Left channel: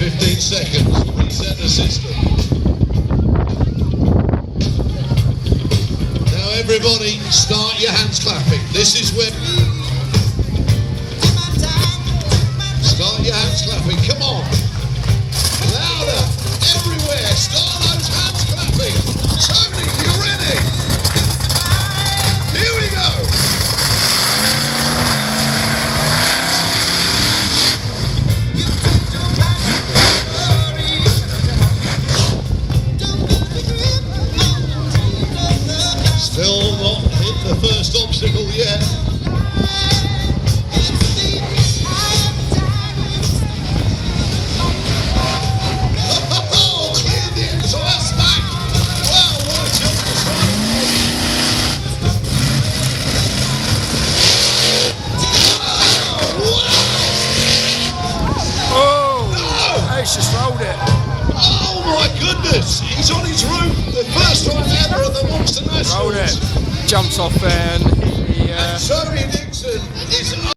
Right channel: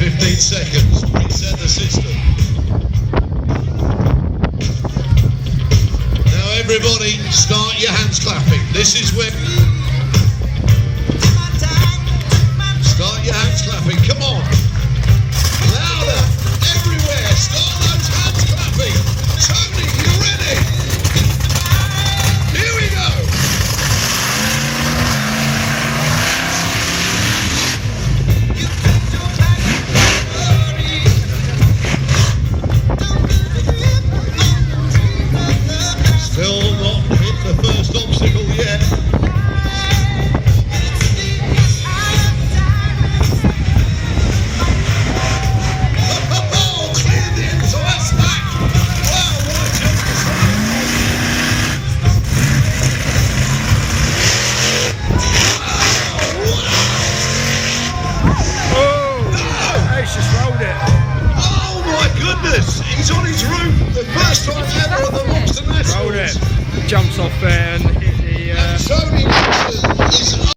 15 seconds. Reset the system. Now everybody start your hands clapping. This is where... Start your hands clapping. Come on. Louder. Everywhere. Start those hands clapping. Tony, you ready? Here we go. Still not hit the first obstacle yet. Oh, cleared the exhaust back. Wow, what a jump to start. Oh, Ace just rolled it. Oh my goodness, he's on his roof. The first time ever at the Monster Nationals. Rolled it. Jumps off there and hit the... Tony Nixon is